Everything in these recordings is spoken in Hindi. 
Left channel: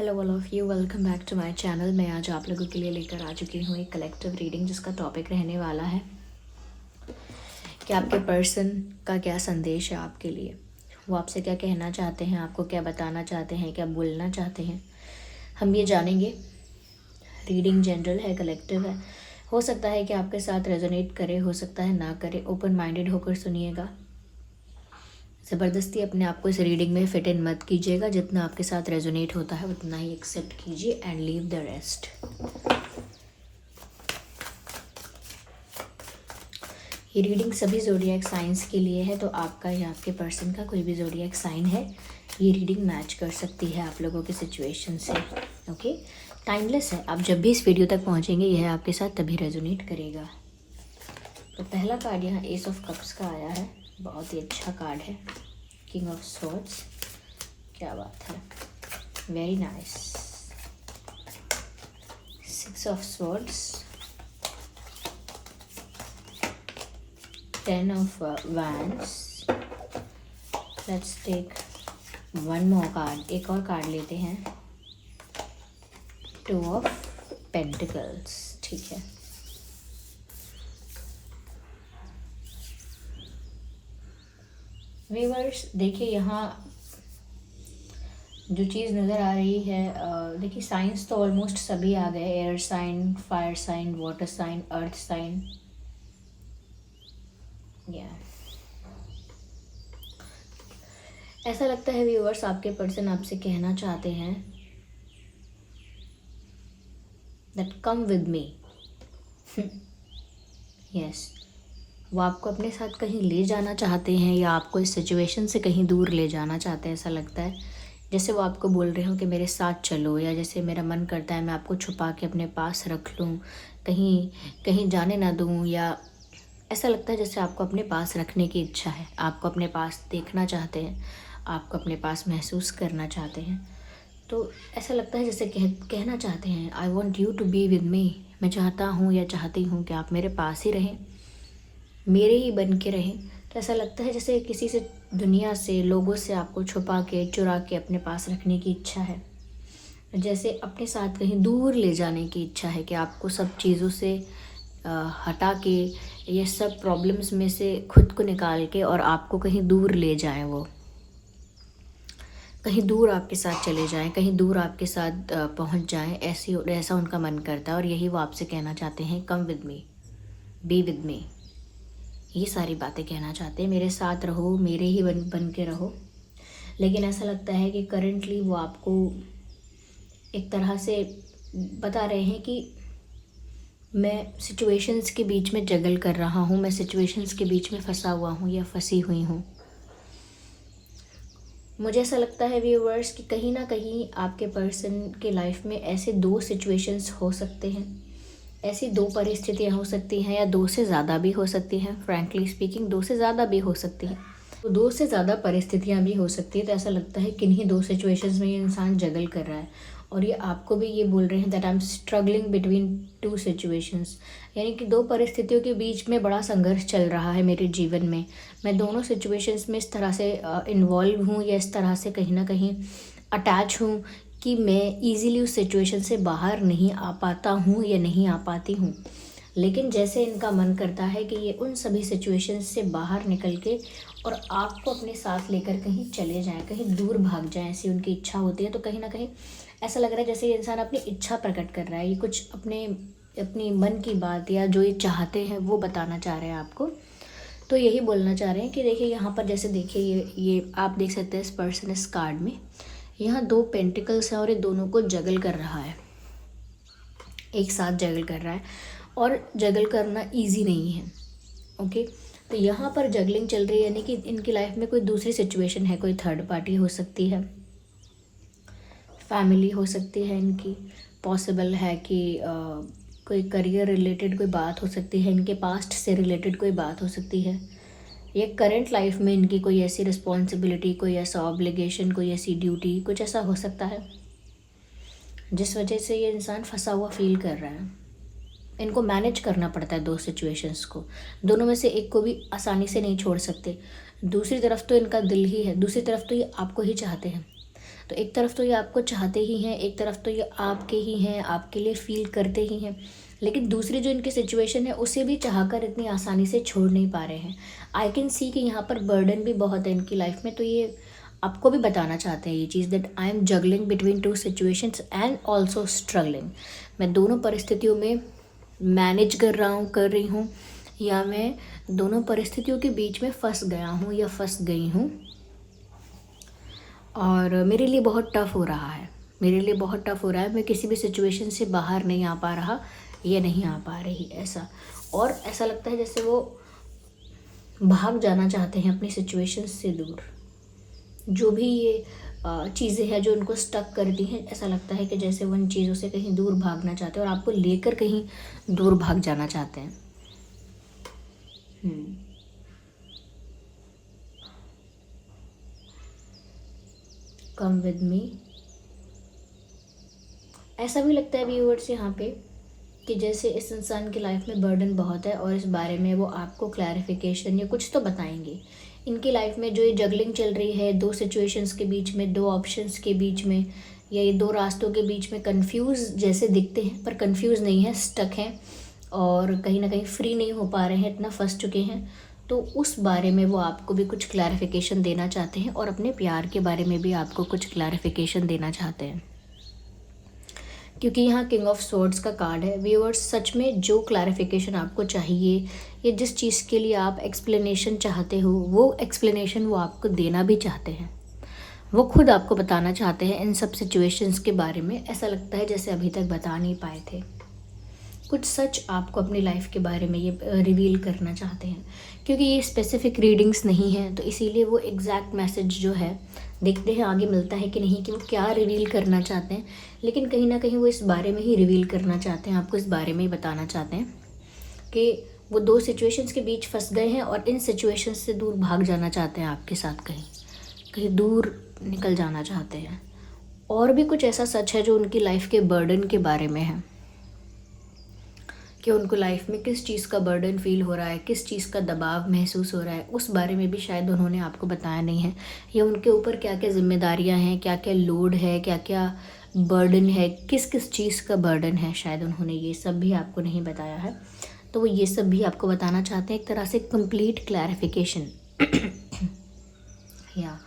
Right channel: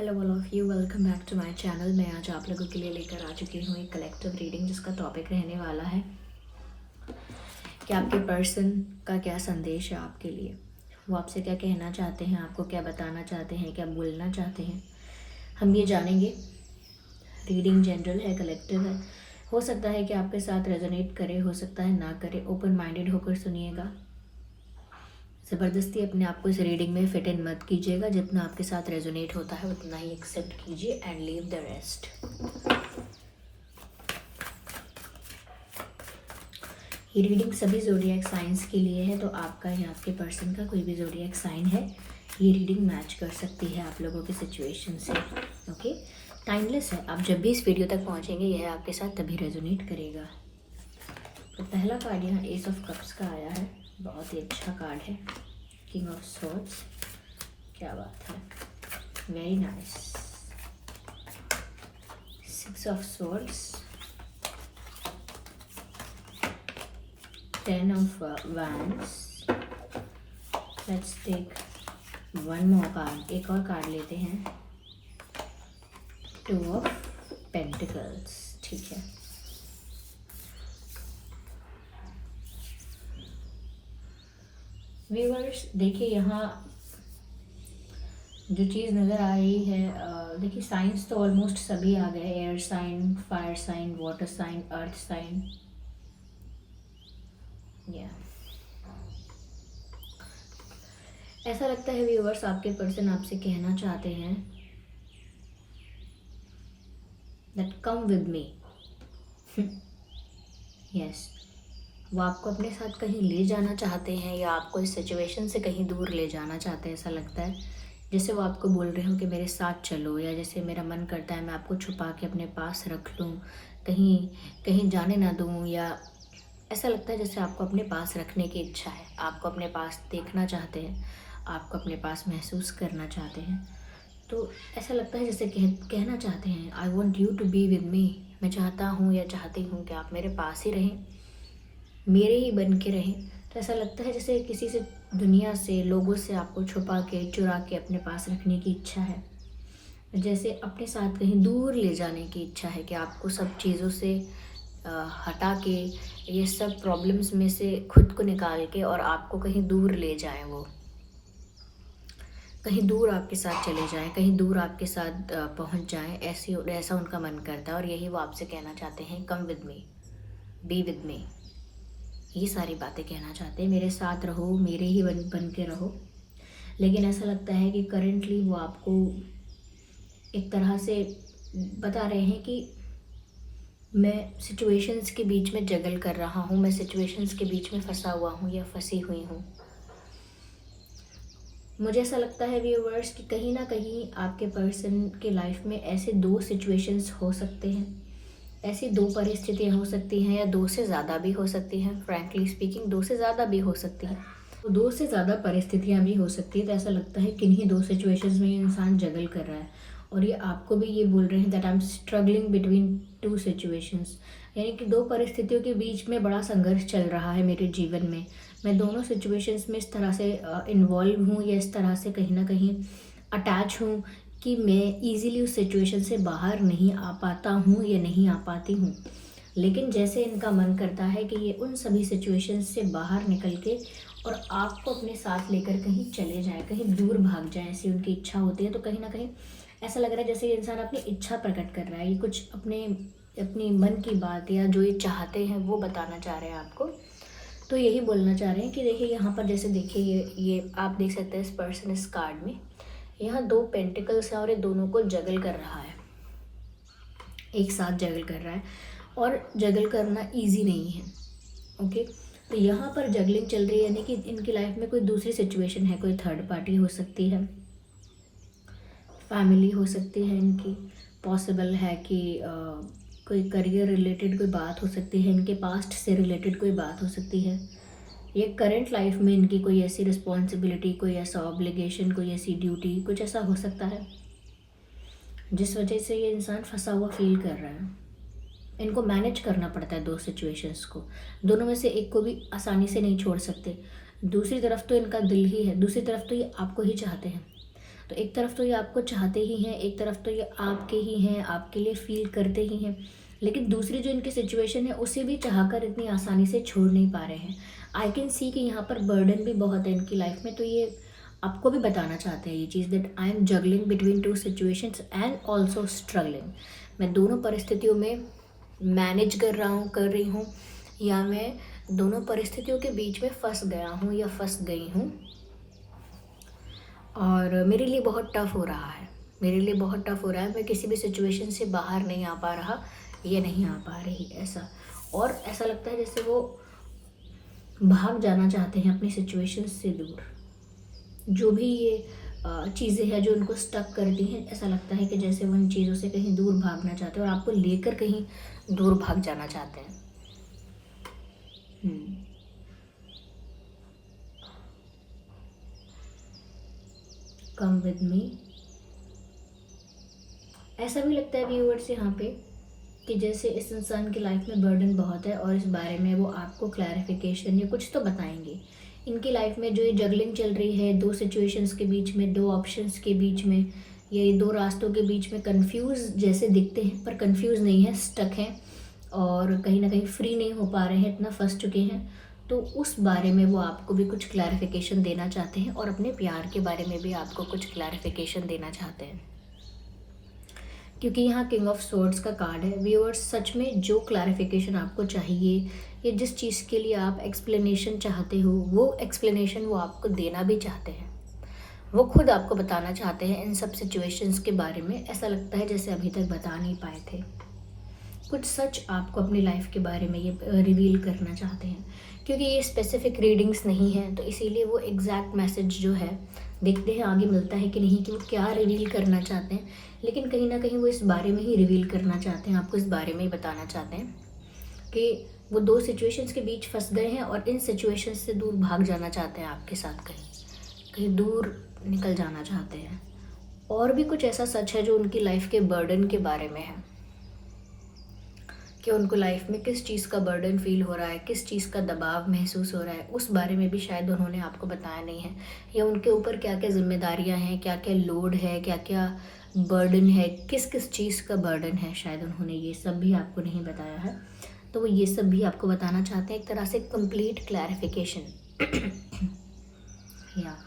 Hello all of you, welcome back to my channel. मैं आज आप लोगों के लिए लेकर आ चुकी हूँ एक कलेक्टिव रीडिंग जिसका टॉपिक रहने वाला है कि आपके पर्सन का क्या संदेश है आपके लिए। वो आपसे क्या कहना चाहते हैं, आपको क्या बताना चाहते हैं, क्या बोलना चाहते हैं, हम ये जानेंगे। रीडिंग जनरल है, कलेक्टिव है। हो सकता है कि आपके साथ रेजोनेट करे, हो सकता है ना करे। ओपन माइंडेड होकर सुनिएगा। ज़बरदस्ती अपने आप को इस रीडिंग में फिट इन मत कीजिएगा। जितना आपके साथ रेजोनेट होता है उतना ही एक्सेप्ट कीजिए एंड लीव द रेस्ट। ये रीडिंग सभी ज़ोडिएक साइंस के लिए है, तो आपका या आपके पर्सन का कोई भी ज़ोडिएक साइन है, ये रीडिंग मैच कर सकती है आप लोगों की सिचुएशन से। ओके, टाइमलेस है। आप जब भी इस वीडियो तक पहुंचेंगे यह आपके साथ तभी रेजोनेट करेगा। तो पहला कार्ड यहाँ एस ऑफ कप्स का आया है, बहुत ही अच्छा कार्ड है। किंग ऑफ स्वॉर्ड्स, क्या बात है, very nice. Six of swords, 10 of wands. Let's take one more card, एक और कार्ड लेते हैं। 2 ऑफ पेंटिकल्स, ठीक है। व्यूअर्स देखिए, यहाँ जो चीज़ नज़र आ रही है, देखिए साइंस तो ऑलमोस्ट सभी आ गए। Air sign, fire sign, water sign, earth sign. या ऐसा लगता है व्यूअर्स आपके पर्सन आपसे कहना चाहते हैं that come with me. Yes, वो आपको अपने साथ कहीं ले जाना चाहते हैं या आपको इस सिचुएशन से कहीं दूर ले जाना चाहते हैं। ऐसा लगता है जैसे वो आपको बोल रहे हो कि मेरे साथ चलो, या जैसे मेरा मन करता है मैं आपको छुपा के अपने पास रख लूँ, कहीं कहीं जाने ना दूँ। या ऐसा लगता है जैसे आपको अपने पास रखने की इच्छा है, आपको अपने पास देखना चाहते हैं, आपको अपने पास महसूस करना चाहते हैं। तो ऐसा लगता है जैसे कहना चाहते हैं I want you to be with me. मैं चाहता हूँ या चाहती हूँ कि आप मेरे पास ही रहें, मेरे ही बन के रहें। तो ऐसा लगता है जैसे किसी से, दुनिया से, लोगों से आपको छुपा के, चुरा के अपने पास रखने की इच्छा है। जैसे अपने साथ कहीं दूर ले जाने की इच्छा है कि आपको सब चीज़ों से हटा के, ये सब प्रॉब्लम्स में से खुद को निकाल के और आपको कहीं दूर ले जाएं। वो कहीं दूर आपके साथ चले जाएं, कहीं दूर आपके साथ पहुंच जाएं, ऐसा उनका मन करता है। और यही वो आपसे कहना चाहते हैं, come with me, B with मी। ये सारी बातें कहना चाहते हैं, मेरे साथ रहो, मेरे ही बन के रहो। लेकिन ऐसा लगता है कि करंटली वो आपको एक तरह से बता रहे हैं कि मैं सिचुएशंस के बीच में जगल कर रहा हूँ, मैं सिचुएशंस के बीच में फंसा हुआ हूँ या फंसी हुई हूँ। मुझे ऐसा लगता है व्यूअर्स कि कहीं ना कहीं आपके पर्सन के लाइफ में ऐसे 2 सिचुएशंस हो सकते हैं, ऐसी 2 परिस्थितियाँ हो सकती हैं, या 2 से ज़्यादा भी हो सकती हैं। फ्रैंकली स्पीकिंग 2 से ज़्यादा भी हो सकती हैं, तो 2 से ज़्यादा परिस्थितियाँ भी हो सकती है। तो ऐसा लगता है किन्हीं 2 सिचुएशंस में ये इंसान जगल कर रहा है, और ये आपको भी ये बोल रहे हैं that I am struggling between 2 situations. यानी कि 2 परिस्थितियों के बीच में बड़ा संघर्ष चल रहा है मेरे जीवन में। मैं दोनों सिचुएशंस में इस तरह से इन्वॉल्व हूँ, या इस तरह से कहीं ना कहीं अटैच हूँ कि मैं इजीली उस सिचुएशन से बाहर नहीं आ पाता हूँ या नहीं आ पाती हूँ। लेकिन जैसे इनका मन करता है कि ये उन सभी सिचुएशंस से बाहर निकल के और आपको अपने साथ लेकर कहीं चले जाएं, कहीं दूर भाग जाएं, ऐसी उनकी इच्छा होती है। तो कहीं ना कहीं ऐसा लग रहा है जैसे ये इंसान अपनी इच्छा प्रकट कर रहा है, ये कुछ अपनी मन की बात या जो ये चाहते हैं वो बताना चाह रहे हैं आपको। तो यही बोलना चाह रहे हैं कि देखिए यहाँ पर, जैसे देखिए ये आप देख सकते हैं इस पर्सन, इस कार्ड में यहाँ 2 पेंटिकल्स हैं और ये दोनों को जगल कर रहा है, एक साथ जगल कर रहा है। और जगल करना इजी नहीं है। ओके, तो यहाँ पर जगलिंग चल रही है, यानी कि इनकी लाइफ में कोई दूसरी सिचुएशन है, कोई थर्ड पार्टी हो सकती है, फैमिली हो सकती है इनकी। पॉसिबल है कि कोई करियर रिलेटेड कोई बात हो सकती है, इनके पास्ट से रिलेटेड कोई बात हो सकती है, ये करंट लाइफ में इनकी कोई ऐसी रिस्पॉन्सिबिलिटी, कोई ऐसा ऑब्लिगेशन, कोई ऐसी ड्यूटी, कुछ ऐसा हो सकता है जिस वजह से ये इंसान फंसा हुआ फील कर रहा है। इनको मैनेज करना पड़ता है 2 सिचुएशंस को, दोनों में से एक को भी आसानी से नहीं छोड़ सकते। दूसरी तरफ तो इनका दिल ही है, दूसरी तरफ तो ये आपको ही चाहते हैं। तो एक तरफ तो ये आपको चाहते ही हैं, एक तरफ तो ये आपके ही हैं, आपके लिए फील करते ही हैं, लेकिन दूसरी जो इनकी सिचुएशन है उसे भी चाहकर इतनी आसानी से छोड़ नहीं पा रहे हैं। आई कैन सी कि यहाँ पर बर्डन भी बहुत है इनकी लाइफ में, तो ये आपको भी बताना चाहते हैं ये चीज़, that I am juggling between two situations and also struggling. मैं दोनों परिस्थितियों में मैनेज कर रही हूँ, या मैं दोनों परिस्थितियों के बीच में फंस गया हूँ या फंस गई हूँ, और मेरे लिए बहुत टफ हो रहा है, मेरे लिए बहुत टफ हो रहा है। मैं किसी भी सिचुएशन से बाहर नहीं आ पा रहा या नहीं आ पा रही, ऐसा। और ऐसा लगता है जैसे वो भाग जाना चाहते हैं अपनी सिचुएशन से दूर। जो भी ये चीज़ें हैं जो उनको स्टक करती हैं, ऐसा लगता है कि जैसे वो इन चीज़ों से कहीं दूर भागना चाहते हैं और आपको लेकर कहीं दूर भाग जाना चाहते हैं। Come with me. ऐसा भी लगता है व्यूअर्स यहाँ पे कि जैसे इस इंसान की लाइफ में बर्डन बहुत है और इस बारे में वो आपको क्लैरिफिकेशन या कुछ तो बताएंगे। इनकी लाइफ में जो ये जगलिंग चल रही है दो सिचुएशंस के बीच में, दो ऑप्शंस के बीच में, या ये दो रास्तों के बीच में, कंफ्यूज जैसे दिखते हैं पर कंफ्यूज नहीं है, स्टक हैं और कहीं ना कहीं फ्री नहीं हो पा रहे हैं, इतना फंस चुके हैं। तो उस बारे में वो आपको भी कुछ क्लैरिफिकेशन देना चाहते हैं और अपने प्यार के बारे में भी आपको कुछ क्लैरिफिकेशन देना चाहते हैं, क्योंकि यहाँ किंग ऑफ सोर्ड्स का कार्ड है। व्यूअर्स, सच में जो क्लैरिफिकेशन आपको चाहिए या जिस चीज़ के लिए आप एक्सप्लेनेशन चाहते हो, वो एक्सप्लेनेशन वो आपको देना भी चाहते हैं, वो खुद आपको बताना चाहते हैं इन सब सिचुएशंस के बारे में। ऐसा लगता है जैसे अभी तक बता नहीं पाए थे, कुछ सच आपको अपनी लाइफ के बारे में ये रिवील करना चाहते हैं। क्योंकि ये स्पेसिफिक रीडिंग्स नहीं हैं तो इसीलिए वो एग्जैक्ट मैसेज जो है देखते हैं आगे मिलता है कि नहीं, कि वो क्या रिवील करना चाहते हैं, लेकिन कहीं ना कहीं वो इस बारे में ही रिवील करना चाहते हैं, आपको इस बारे में ही बताना चाहते हैं कि वो दो सिचुएशंस के बीच फंस गए हैं और इन सिचुएशंस से दूर भाग जाना चाहते हैं, आपके साथ कहीं कहीं दूर निकल जाना चाहते हैं। और भी कुछ ऐसा सच है जो उनकी लाइफ के बर्डन के बारे में है, कि उनको लाइफ में किस चीज़ का बर्डन फील हो रहा है, किस चीज़ का दबाव महसूस हो रहा है, उस बारे में भी शायद उन्होंने आपको बताया नहीं है। या उनके ऊपर क्या क्या जिम्मेदारियां हैं, क्या क्या लोड है, क्या क्या बर्डन है, किस किस चीज़ का बर्डन है, शायद उन्होंने ये सब भी आपको नहीं बताया है। तो वो ये सब भी आपको बताना चाहते हैं, एक तरह से कंप्लीट क्लैरिफिकेशन या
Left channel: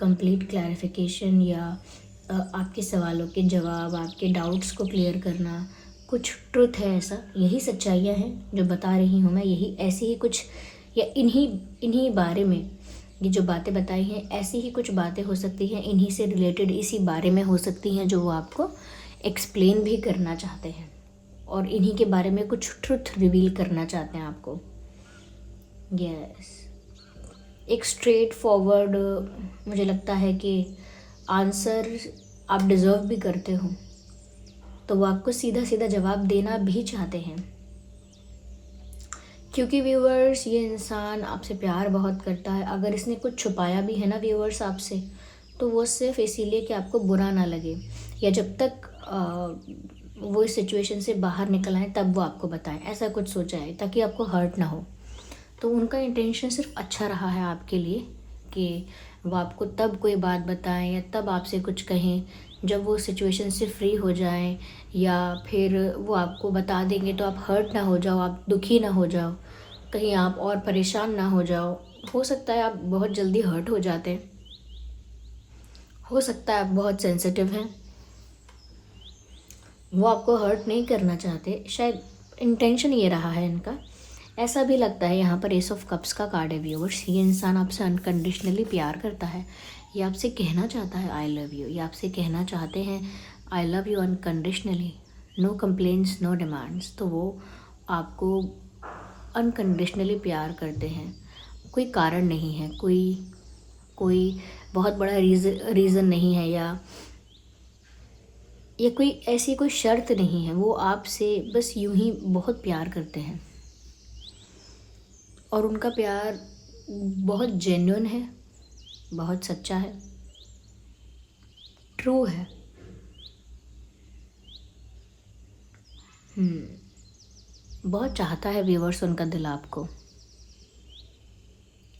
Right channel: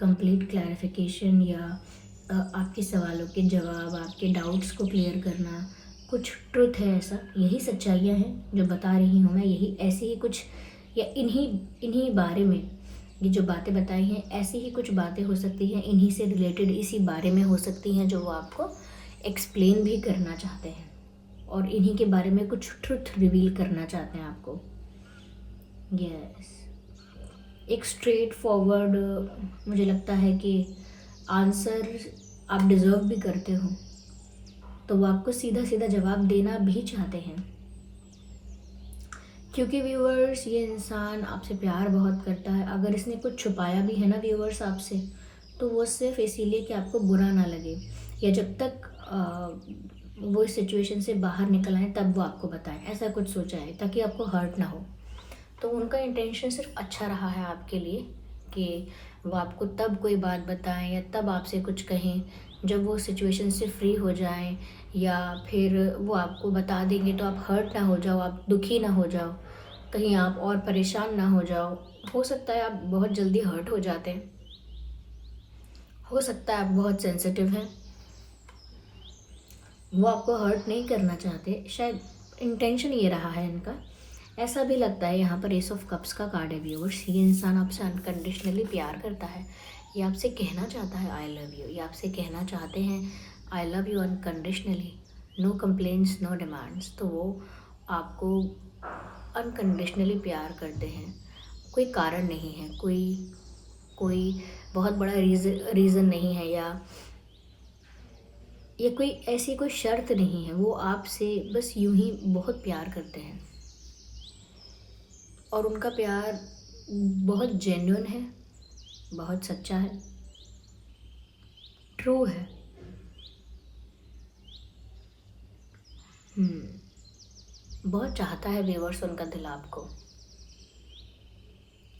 कंप्लीट क्लैरिफिकेशन, या आपके सवालों के जवाब, आपके डाउट्स को क्लियर करना। कुछ ट्रुथ है, ऐसा यही सच्चाइयाँ हैं जो बता रही हूँ मैं, यही ऐसी ही कुछ, या इन्हीं इन्हीं बारे में ये जो बातें बताई हैं, ऐसी ही कुछ बातें हो सकती हैं, इन्हीं से रिलेटेड इसी बारे में हो सकती हैं जो वो आपको एक्सप्लेन भी करना चाहते हैं और इन्हीं के बारे में कुछ ट्रुथ रिवील करना चाहते हैं आपको। यस, एक स्ट्रेट फॉरवर्ड मुझे लगता है कि आंसर आप डिज़र्व भी करते हो, तो वो आपको सीधा सीधा जवाब देना भी चाहते हैं। क्योंकि व्यूअर्स, ये इंसान आपसे प्यार बहुत करता है। अगर इसने कुछ छुपाया भी है ना व्यूअर्स आपसे, तो वो सिर्फ इसीलिए कि आपको बुरा ना लगे, या जब तक वो इस सिचुएशन से बाहर निकल आए तब वो आपको बताएं, ऐसा कुछ सोचा है ताकि आपको हर्ट ना हो। तो उनका इंटेंशन सिर्फ अच्छा रहा है आपके लिए, कि वो आपको तब कोई बात बताएं या तब आपसे कुछ कहें जब वो सिचुएशन से फ्री हो जाएं, या फिर वो आपको बता देंगे तो आप हर्ट ना हो जाओ, आप दुखी ना हो जाओ, कहीं आप और परेशान ना हो जाओ। हो सकता है आप बहुत जल्दी हर्ट हो जाते हैं, हो सकता है आप बहुत सेंसिटिव हैं, वो आपको हर्ट नहीं करना चाहते, शायद इंटेंशन ये रहा है इनका। ऐसा भी लगता है यहाँ पर एस ऑफ कप्स का कार्ड है व्यूअर्स, ये इंसान आपसे अनकंडीशनली प्यार करता है, ये आपसे कहना चाहता है आई लव यू, ये आपसे कहना चाहते हैं I love you unconditionally, no complaints, no demands. तो वो आपको अनकंडीशनली प्यार करते हैं, कोई कारण नहीं है, कोई कोई बहुत बड़ा रीज़न नहीं है, या कोई ऐसी कोई शर्त नहीं है, वो आपसे बस यूं ही बहुत प्यार करते हैं। और उनका प्यार बहुत जेन्युइन है, बहुत सच्चा है, ट्रू है। बहुत चाहता है व्यूअर्स उनका दिल आपको।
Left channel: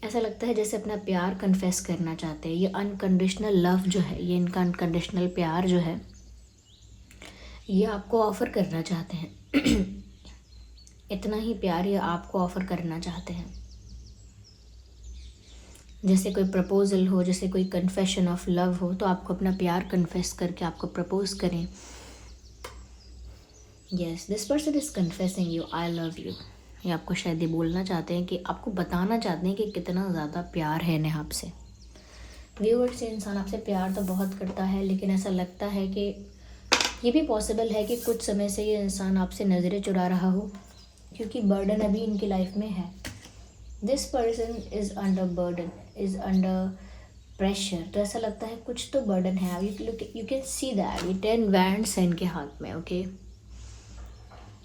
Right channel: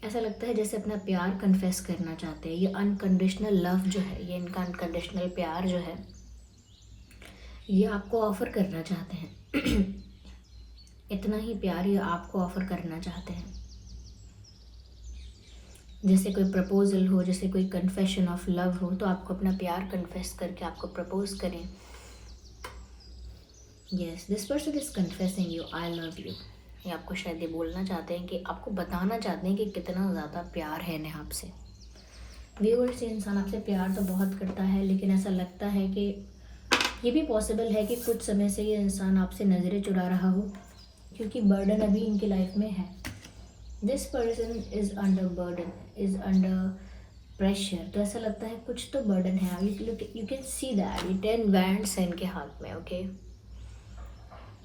ऐसा लगता है जैसे अपना प्यार कन्फेस करना चाहते हैं। ये अनकंडीशनल लव जो है, ये इनका अनकंडीशनल प्यार जो है, ये आपको ऑफ़र करना चाहते हैं। इतना ही प्यार ये आपको ऑफ़र करना चाहते हैं। जैसे कोई प्रपोज़ल हो, जैसे कोई कन्फेशन ऑफ लव हो, तो आपको अपना प्यार कन्फेस करके आपको प्रपोज़ करें। Yes, this person is confessing you I love you. ये आपको शायद ये बोलना चाहते हैं, कि आपको बताना चाहते हैं कि कितना ज़्यादा प्यार है इन्हें आपसे। व्यूअर्स, ये इंसान आपसे प्यार तो बहुत करता है, लेकिन ऐसा लगता है कि ये भी पॉसिबल है कि कुछ समय से ये इंसान आपसे नज़रें चुरा रहा हो, क्योंकि बर्डन अभी इनकी लाइफ में है। This person is under burden, is under pressure. तो ऐसा लगता है कुछ तो बर्डन है। यू कैन सी दैट ये 10 वैंड्स है इनके हाथ में। ओके,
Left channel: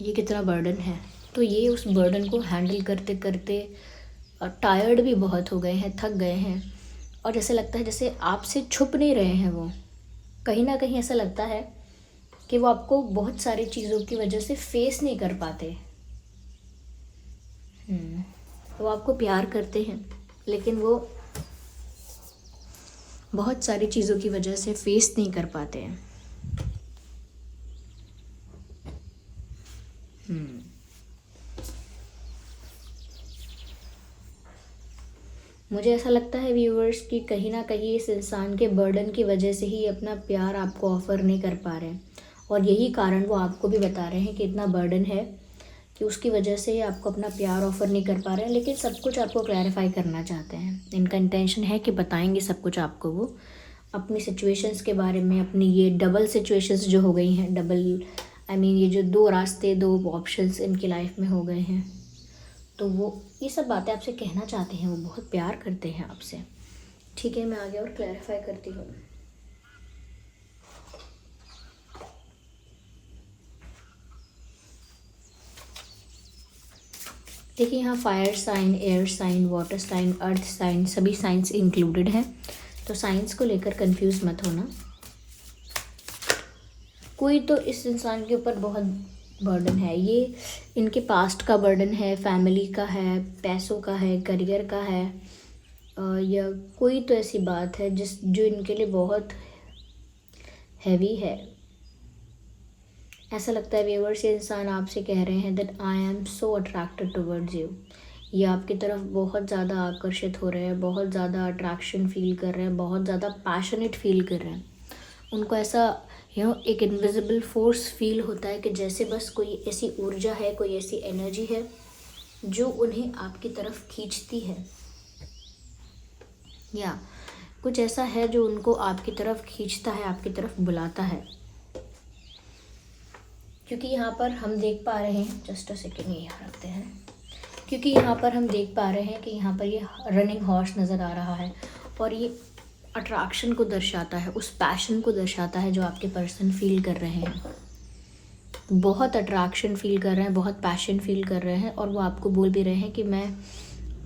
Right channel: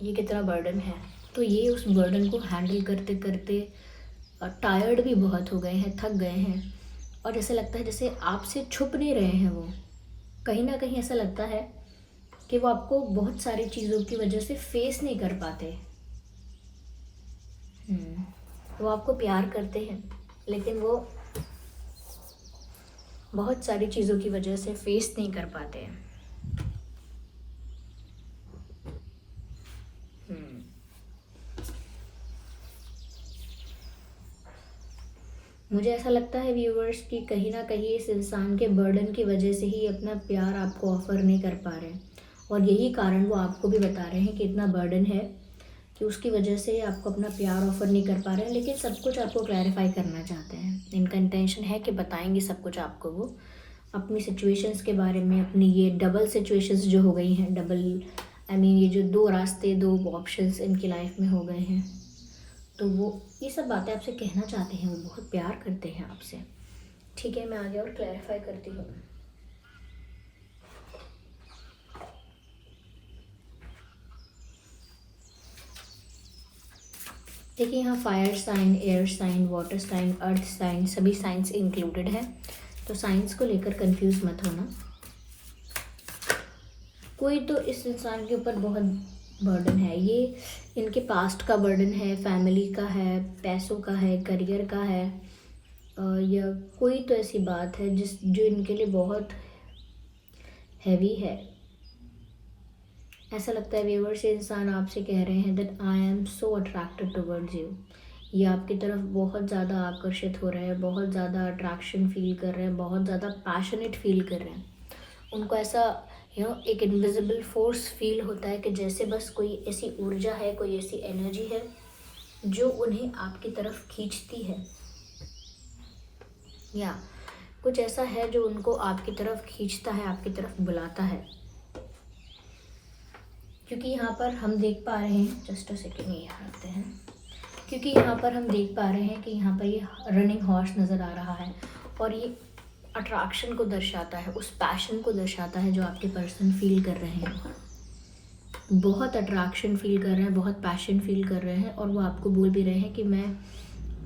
ये कितना बर्डन है। तो ये उस बर्डन को हैंडल करते करते टायर्ड भी बहुत हो गए हैं, थक गए हैं, और जैसे लगता है जैसे आपसे छुप नहीं रहे हैं वो। कहीं ना कहीं ऐसा लगता है कि वो आपको बहुत सारी चीज़ों की वजह से फेस नहीं कर पाते। वो आपको प्यार करते हैं, लेकिन वो बहुत सारी चीज़ों की वजह से फेस नहीं कर पाते हैं। मुझे ऐसा लगता है व्यूअर्स कि कहीं ना कहीं इस इंसान के बर्डन की वजह से ही अपना प्यार आपको ऑफ़र नहीं कर पा रहे हैं, और यही कारण वो आपको भी बता रहे हैं कि इतना बर्डन है कि उसकी वजह से ये आपको अपना प्यार ऑफ़र नहीं कर पा रहे हैं। लेकिन सब कुछ आपको क्लैरिफाई करना चाहते हैं। इनका इंटेंशन है कि बताएंगे सब कुछ आपको, वो अपनी सिचुएशंस के बारे में, अपनी ये डबल सिचुएशंस जो हो गई हैं, डबल ये जो 2 रास्ते, 2 ऑप्शंस इनकी लाइफ में हो गए हैं, तो वो ये सब बातें आपसे कहना चाहते हैं। वो बहुत प्यार करते हैं आपसे। ठीक है, मैं आगे और क्लैरिफाई करती हूँ। देखिए, यहाँ fire sign, air sign, water sign, earth sign, सभी साइंस इंक्लूडेड हैं। तो साइंस को लेकर कंफ्यूज मत होना। कोई तो इस इंसान के ऊपर बहुत बर्डन है। ये इनके पास्ट का बर्डन है, फैमिली का है, पैसों का है, करियर का है, या कोई तो ऐसी बात है जो इनके लिए बहुत हैवी है। ऐसा लगता है व्यूअर्स, ये इंसान आपसे कह रहे हैं that I am so attracted towards you. ये आपकी तरफ बहुत ज़्यादा आकर्षित हो रहे हैं, बहुत ज़्यादा अट्रैक्शन फील कर रहे हैं, बहुत ज़्यादा पैशनेट फील कर रहे हैं। उनको ऐसा एक इनविजिबल फोर्स फील होता है कि जैसे बस कोई ऐसी ऊर्जा है, कोई ऐसी एनर्जी है जो उन्हें आपकी तरफ खींचती है, या कुछ ऐसा है जो उनको आपकी तरफ खींचता है, आपकी तरफ बुलाता है। क्योंकि यहाँ पर हम देख पा रहे हैं, जस्ट अ सेकेंड, ये रखते हैं, क्योंकि यहाँ पर हम देख पा रहे हैं कि यहाँ पर ये रनिंग हॉर्स नज़र आ रहा है, और ये अट्रैक्शन को दर्शाता है, उस पैशन को दर्शाता है जो आपके पर्सन फील कर रहे हैं। बहुत अट्रैक्शन फील कर रहे हैं, बहुत पैशन फील कर रहे हैं, और वो आपको बोल भी रहे हैं कि मैं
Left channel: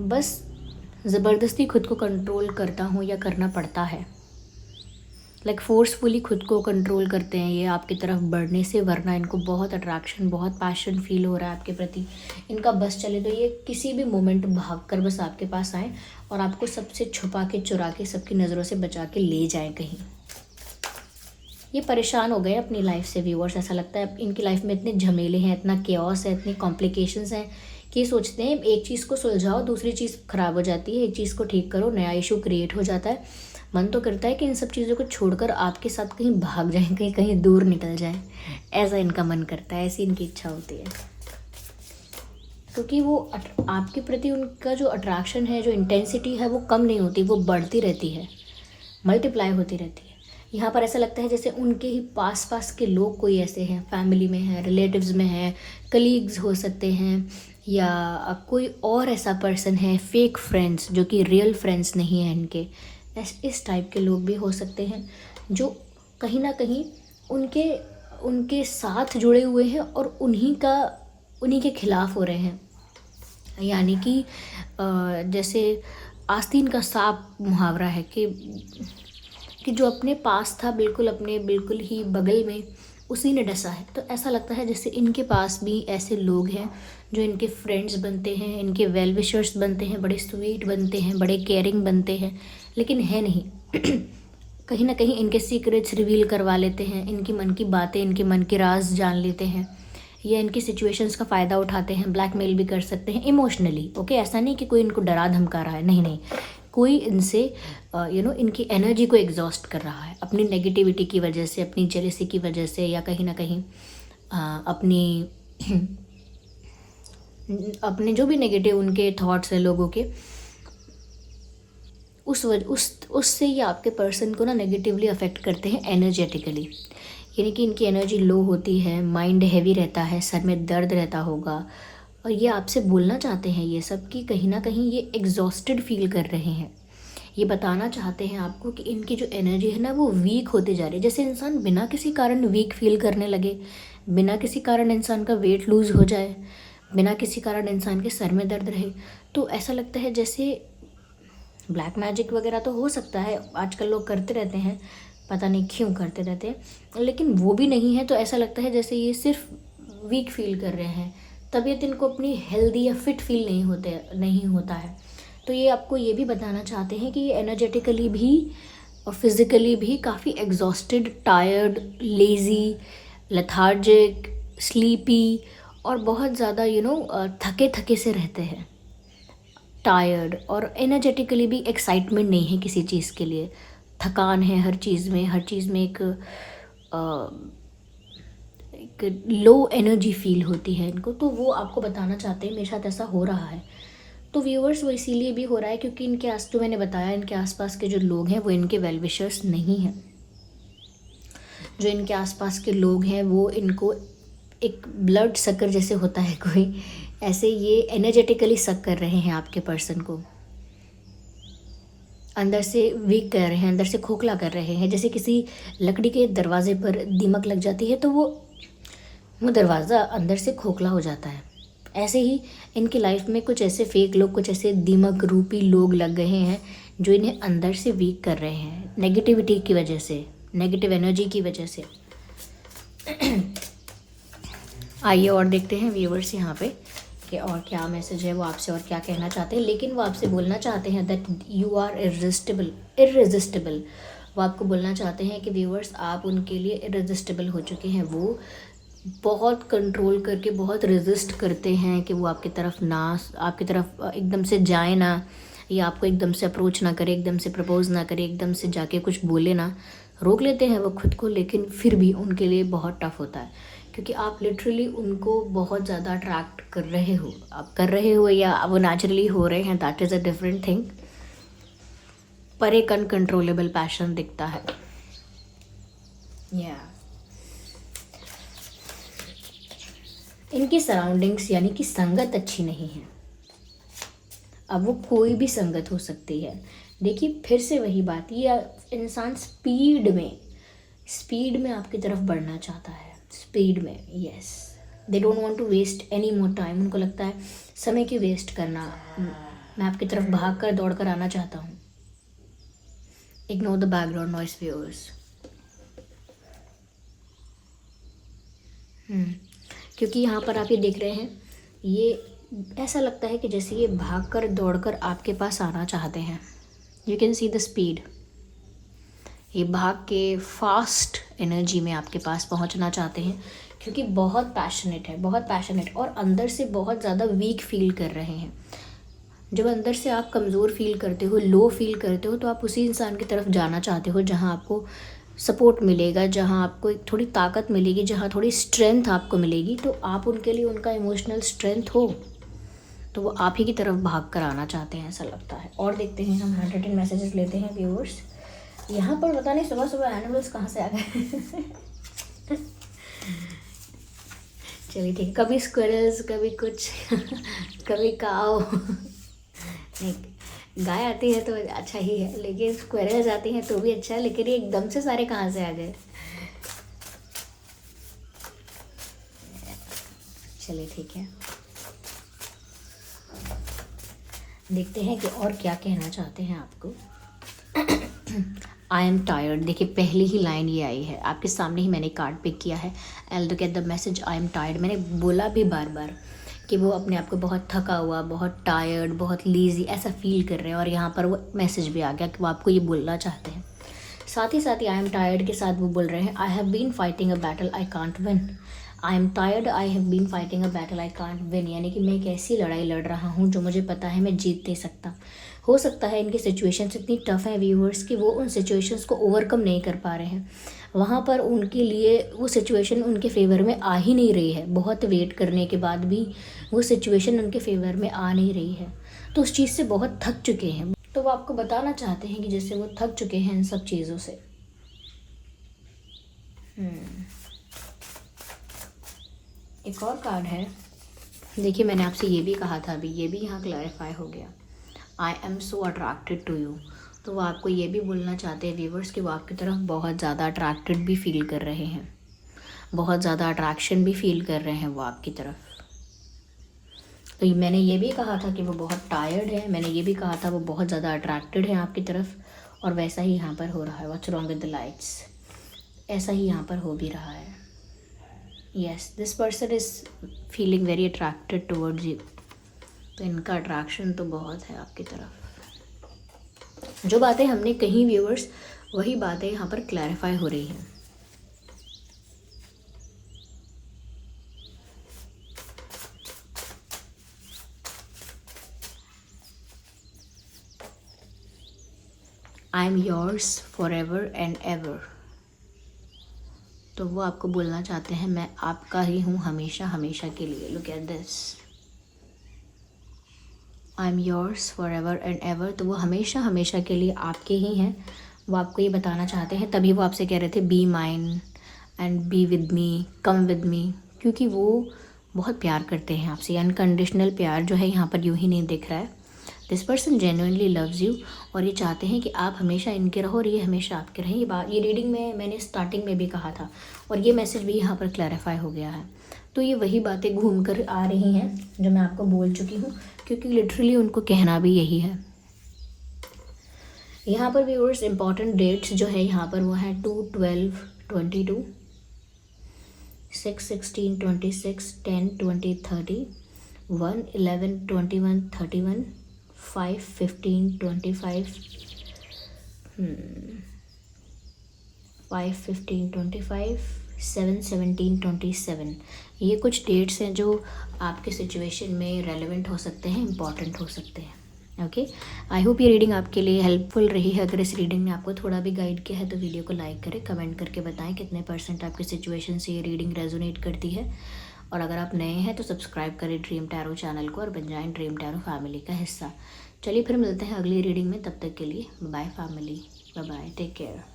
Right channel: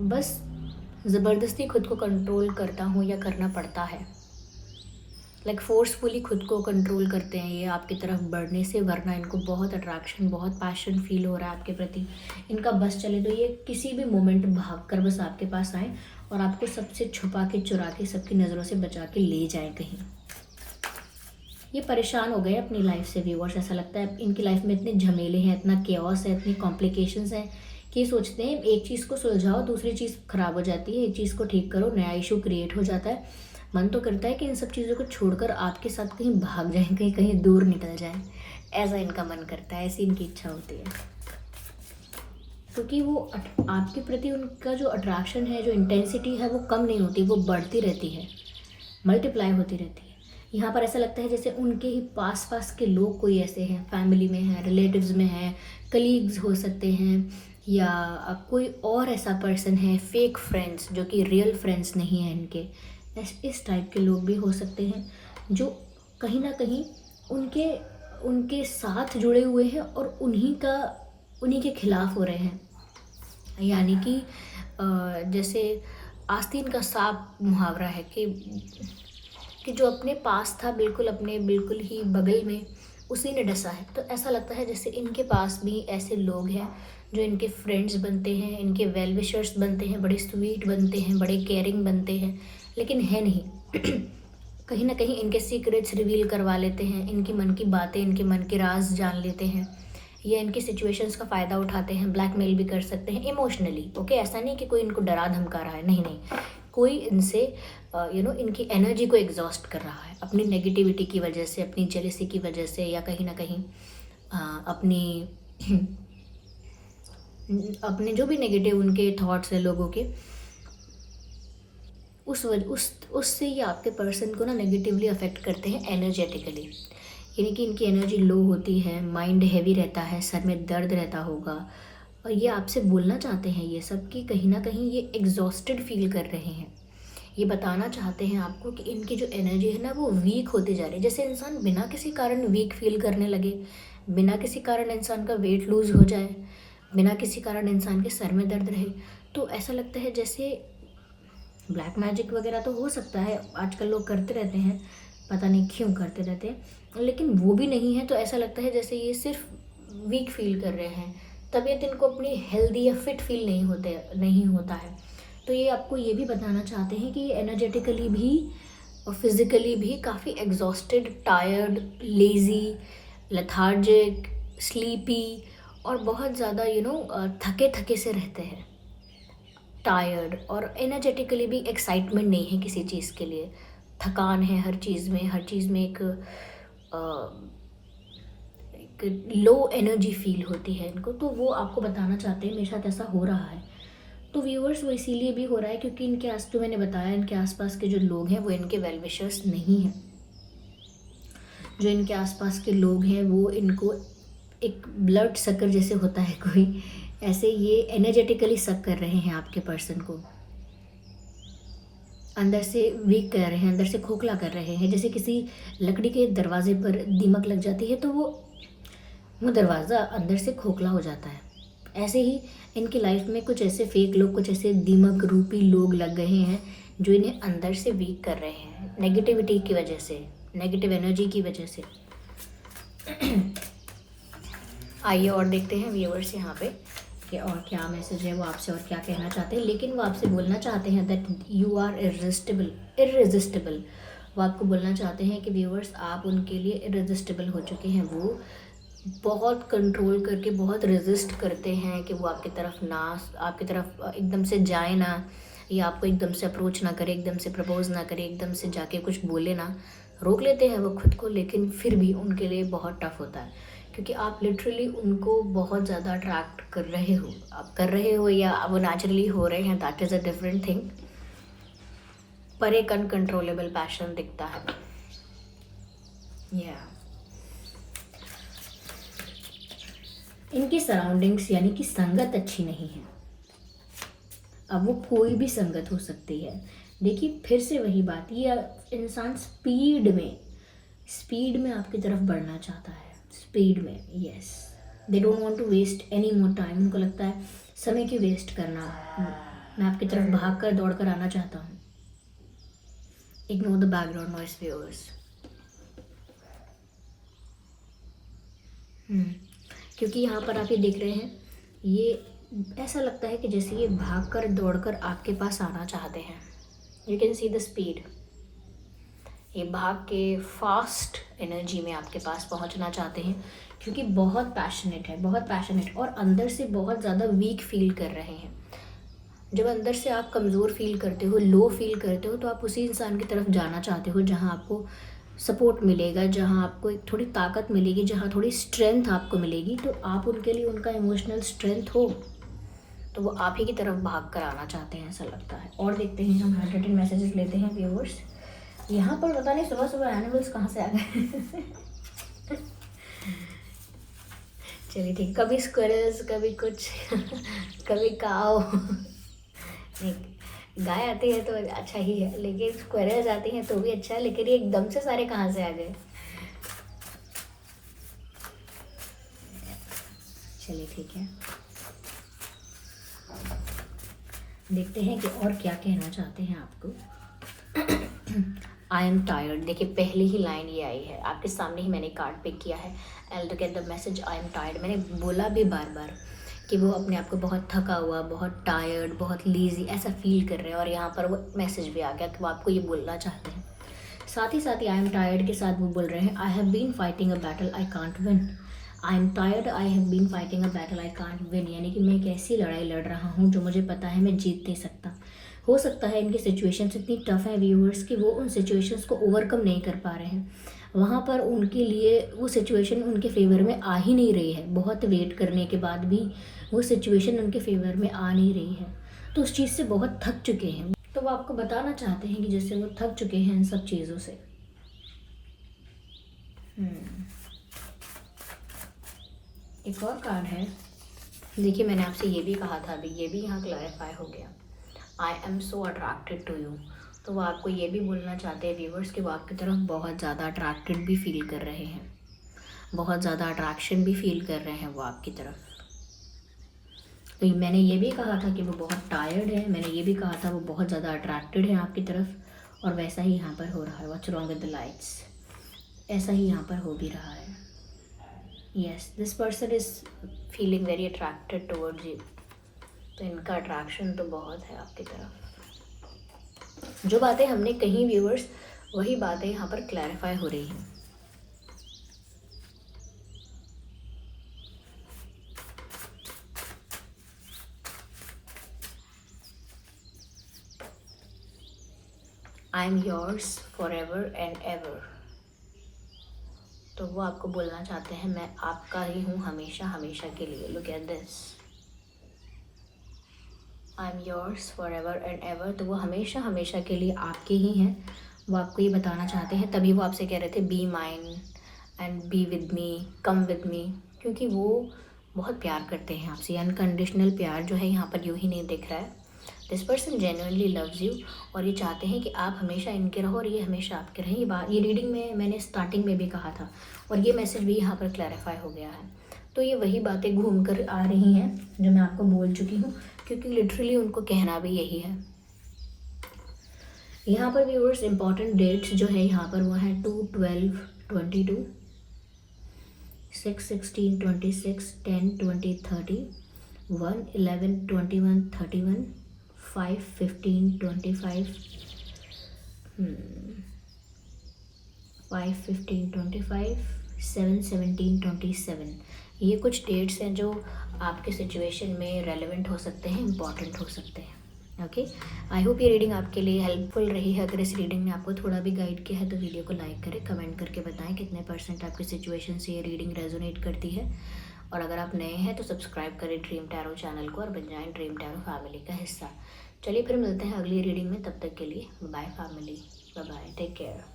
बस ज़बरदस्ती खुद को कंट्रोल करता हूँ, या करना पड़ता है। लाइक फोर्सफुली खुद को कंट्रोल करते हैं ये आपकी तरफ बढ़ने से, वरना इनको बहुत अट्रैक्शन, बहुत पैशन फील हो रहा है आपके प्रति। इनका बस चले तो ये किसी भी मोमेंट भाग कर बस आपके पास आए, और आपको सबसे छुपा के, चुरा के, सबकी नज़रों से बचा के ले जाए कहीं। ये परेशान हो गए अपनी लाइफ से व्यूअर्स। ऐसा लगता है इनकी लाइफ में इतने झमेले हैं, इतना केओस है, इतनी कॉम्प्लिकेशंस हैं कि ये सोचते हैं एक चीज़ को सुलझाओ, दूसरी चीज़ ख़राब हो जाती है, एक चीज़ को ठीक करो, नया इशू क्रिएट हो जाता है। मन तो करता है कि इन सब चीज़ों को छोड़कर आपके साथ कहीं भाग जाएं, कहीं कहीं दूर निकल जाएं। ऐसा इनका मन करता है, ऐसी इनकी इच्छा होती है। क्योंकि वो आपके प्रति उनका जो अट्रैक्शन है, जो इंटेंसिटी है, वो कम नहीं होती, वो बढ़ती रहती है, मल्टीप्लाई होती रहती है। यहाँ पर ऐसा लगता है जैसे उनके ही पास पास के लोग कोई ऐसे हैं, फैमिली में हैं, रिलेटिव्स में हैं, कलीग्स हो सकते हैं, या कोई और ऐसा पर्सन है, फेक फ्रेंड्स जो कि रियल फ्रेंड्स नहीं हैं इनके। इस टाइप के लोग भी हो सकते हैं जो कहीं ना कहीं उनके साथ जुड़े हुए हैं, और उन्हीं के खिलाफ हो रहे हैं। यानी कि जैसे आस्तीन का सांप मुहावरा है कि जो अपने पास था, बिल्कुल ही बगल में, उसी ने डसा है। तो ऐसा लगता है जैसे इनके पास भी ऐसे लोग हैं जो इनके फ्रेंड्स बनते हैं, इनके वेल विशर्स बनते हैं, बड़े स्वीट बनते हैं, बड़े केयरिंग बनते हैं, लेकिन है नहीं। कहीं ना कहीं इनके सीक्रेट्स रिवील करवा लेते हैं, इनकी मन की बातें, इनके मन के राज जान लेते हैं, या इनकी सिचुएशंस का फ़ायदा उठाते हैं, ब्लैकमेल भी कर सकते हैं इमोशनली। ओके, ऐसा नहीं कि कोई इनको डरा धमका रहा है, नहीं नहीं, कोई इनसे इनकी एनर्जी को एग्जॉस्ट कर रहा है अपनी नेगेटिविटी की वजह से, अपनी जेलसी की वजह से, या कहीं ना कहीं अपनी अपने जो भी नेगेटिव उनके थॉट्स हैं लोगों के, उससे ये आपके पर्सन को ना नेगेटिवली अफेक्ट करते हैं एनर्जेटिकली। यानी कि इनकी एनर्जी लो होती है, माइंड हैवी रहता है, सर में दर्द रहता होगा, और ये आपसे बोलना चाहते हैं ये सब कि कहीं ना कहीं ये एग्जॉस्टेड फील कर रहे हैं। ये बताना चाहते हैं आपको कि इनकी जो एनर्जी है ना वो वीक होती जा रही है। जैसे इंसान बिना किसी कारण वीक फील करने लगे, बिना किसी कारण इंसान का वेट लूज़ हो जाए, बिना किसी कारण इंसान के सर में दर्द रहे, तो ऐसा लगता है जैसे ब्लैक मैजिक वगैरह तो हो सकता है, आजकल लोग करते रहते हैं, पता नहीं क्यों करते रहते हैं, लेकिन वो भी नहीं है। तो ऐसा लगता है जैसे ये सिर्फ वीक फील कर रहे हैं, तबीयत इनको अपनी हेल्दी या फिट फील नहीं होता है। तो ये आपको ये भी बताना चाहते हैं कि ये एनर्जेटिकली भी और फिज़िकली भी काफ़ी exhausted, tired, lazy, lethargic, sleepy और बहुत ज़्यादा थके थके से रहते हैं, टायर्ड, और एनर्जेटिकली भी एक्साइटमेंट नहीं है किसी चीज़ के लिए, थकान है हर चीज़ में एक लो एनर्जी फील होती है इनको। तो वो आपको बताना चाहते हैं मेरे साथ ऐसा हो रहा है। तो व्यूअर्स वो इसीलिए भी हो रहा है क्योंकि इनके जो मैंने बताया, इनके आसपास के जो लोग हैं वो इनके वेल विशर्स नहीं हैं। जो इनके आसपास के लोग हैं वो इनको एक ब्लड सकर जैसे होता है कोई, ऐसे ये एनर्जेटिकली सक कर रहे हैं आपके पर्सन को, अंदर से वीक कर रहे हैं, अंदर से खोखला कर रहे हैं। जैसे किसी लकड़ी के दरवाजे पर दीमक लग जाती है तो वो दरवाज़ा अंदर से खोखला हो जाता है। ऐसे ही इनकी लाइफ में कुछ ऐसे फेक लोग, कुछ ऐसे दीमक रूपी लोग लग गए हैं जो इन्हें अंदर से वीक कर रहे हैं, नेगेटिविटी की वजह से, नेगेटिव एनर्जी की वजह से। आइए और देखते हैं व्यूअर्स यहाँ पे कि और क्या मैसेज है वो आपसे और क्या कहना चाहते हैं। लेकिन वो आपसे बोलना चाहते हैं दैट यू आर इररेजिस्टिबल। वो आपको बोलना चाहते हैं कि व्यूअर्स आप उनके लिए इररेजिस्टिबल हो चुके हैं। वो बहुत कंट्रोल करके बहुत रेजिस्ट करते हैं कि वो आपकी तरफ एकदम से जाए ना, या आपको एकदम से अप्रोच ना करे, एकदम से प्रपोज ना करे, एकदम से जाके कुछ बोले ना। रोक लेते हैं वो खुद को, लेकिन फिर भी उनके लिए बहुत टफ होता है क्योंकि आप लिटरली उनको बहुत ज़्यादा अट्रैक्ट कर रहे हो। आप कर रहे हो या वो नेचुरली हो रहे हैं, that is a different thing, पर एक अनकंट्रोलेबल पैशन दिखता है। इनकी सराउंडिंग्स यानी कि संगत अच्छी नहीं है। अब वो कोई भी संगत हो सकती है। देखिए फिर से वही बात, ये इंसान स्पीड में आपकी तरफ बढ़ना चाहता है, स्पीड में। Yes, they don't want to waste any more time. उनको लगता है समय की वेस्ट करना, मैं आपकी तरफ भाग कर दौड़ कर आना चाहता हूँ। Ignore the background noise viewers. क्योंकि यहाँ पर आप ये देख रहे हैं, ये ऐसा लगता है कि जैसे ये भाग कर दौड़ कर आपके पास आना चाहते हैं। You can see the speed. ये भाग के फास्ट एनर्जी में आपके पास पहुंचना चाहते हैं क्योंकि बहुत पैशनेट और अंदर से बहुत ज़्यादा वीक फील कर रहे हैं। जब अंदर से आप कमज़ोर फील करते हो, लो फील करते हो, तो आप उसी इंसान की तरफ जाना चाहते हो जहां आपको सपोर्ट मिलेगा, जहां आपको एक थोड़ी ताकत मिलेगी, जहां थोड़ी स्ट्रेंथ आपको मिलेगी। तो आप उनके लिए उनका इमोशनल स्ट्रेंथ हो, तो वो आप ही की तरफ भाग कर आना चाहते हैं, ऐसा लगता है। और देखते हैं हम 100 मैसेजेस लेते हैं व्यूअर्स। यहाँ पर पता नहीं सुबह सुबह एनिमल्स कहाँ से आ गए। चलिए ठीक, कभी स्क्विरल्स, कभी कुछ, कभी काऊ। गाय आती है तो अच्छा ही है, लेकिन स्क्विरल्स आती हैं तो भी अच्छा है, लेकिन ये एकदम से सारे कहाँ से आ गए। चलिए ठीक है, देखते हैं कि और क्या कहना चाहते हैं आपको। आई एम टायर्ड। देखिए पहली ही लाइन ये आई है, आपके सामने ही मैंने कार्ड पिक किया है। I look at the message, I am tired. मैंने बोला भी बार बार कि वो अपने आप को बहुत थका हुआ, बहुत टायर्ड, बहुत लेज़ी ऐसा फील कर रहे हैं, और यहाँ पर वो मैसेज भी आ गया कि वो आपको ये बोलना चाहते हैं। साथ ही आई एम टायर्ड के साथ वो बोल रहे हैं I have been fighting a battle I can't win. I am tired, I have been fighting a battle I can't win, यानी कि मैं एक ऐसी लड़ाई लड़ रहा हूँ जो मुझे पता है मैं जीत नहीं सकता। हो सकता है इनकी सिचुएशंस इतनी टफ है व्यूअर्स कि वो उन सिचुएशंस को ओवरकम नहीं कर पा रहे हैं। वहाँ पर उनके लिए वो सिचुएशन उनके फेवर में आ ही नहीं रही है। बहुत वेट करने के बाद भी वो सिचुएशन उनके फेवर में आ नहीं रही है, तो उस चीज़ से बहुत थक चुके हैं। तो वो आपको बताना चाहते हैं कि जैसे वो थक चुके हैं इन सब चीज़ों से। एक और कार्ड है, देखिए मैंने आपसे ये भी कहा था, अभी ये भी यहाँ क्लैरिफाई हो गया। I am so attracted to you. तो वो आपको ये भी बोलना चाहते हैं व्यूवर्स कि वो आपकी तरफ बहुत ज़्यादा अट्रैक्टेड भी फील कर रहे हैं, बहुत ज़्यादा अट्रैक्शन भी फील कर रहे हैं वो आपकी तरफ। तो मैंने ये भी कहा था कि वो बहुत टायर्ड है, मैंने ये भी कहा था वो बहुत ज़्यादा अट्रैक्टेड है आपकी तरफ, और वैसा ही यहाँ पर हो रहा है। What's wrong with the lights, ऐसा ही यहाँ पर हो भी रहा है। Yes, this person is feeling very attracted towards you. तो इनका अट्रैक्शन तो बहुत है आपकी तरफ। जो बातें हमने कही व्यूअर्स, वही बातें यहाँ पर क्लैरिफाई हो रही हैं। I am yours for ever and ever. तो वो आपको बोलना चाहते हैं मैं आपका ही हूँ हमेशा हमेशा के लिए। Look at this, I am yours for ever and ever. तो वो हमेशा हमेशा के लिए आपके ही हैं, वो आपको ये बताना चाहते हैं। तभी वो आपसे कह रहे थे be mine and B with me, come with me, क्योंकि वो बहुत प्यार करते हैं आपसे। अनकंडीशनल प्यार जो है यहाँ पर यूँ ही नहीं दिख रहा है। This person genuinely loves you, और ये चाहते हैं कि आप हमेशा इनके रहो और ये हमेशा आपके रहें। ये रीडिंग में मैंने स्टार्टिंग में भी कहा था, और ये मैसेज भी यहाँ पर क्लैरिफाई हो गया है। तो ये वही बातें घूम कर आ रही हैं जो मैं आपको बोल चुकी हूँ, क्योंकि लिटरली उनको कहना भी यही है। यहाँ पर व्यूअर्स इंपॉर्टेंट डेट्स जो है यहाँ पर वो है 2/12/22, 6/16/26, 10/20/30, 1/11/21/31, 5/15/25, 5/15/25, 7/17/27। ये कुछ डेट्स हैं जो आपके सिचुएशन में रेलेवेंट हो सकते हैं, इंपॉर्टेंट हो सकते हैं। ओके, आई होप ये रीडिंग आपके लिए हेल्पफुल रही है। अगर इस रीडिंग ने आपको थोड़ा भी गाइड किया है तो वीडियो को लाइक करें, कमेंट करके बताएं कितने % आपकी सिचुएशन से ये रीडिंग रेजोनेट करती है। और अगर आप नए हैं तो सब्सक्राइब करें ड्रीम टैरो चैनल को और बन जाएं ड्रीम टैरो फैमिली का हिस्सा। चलिए फिर मिलते हैं अगली रीडिंग में, तब तक के लिए bye family, bye bye, take care.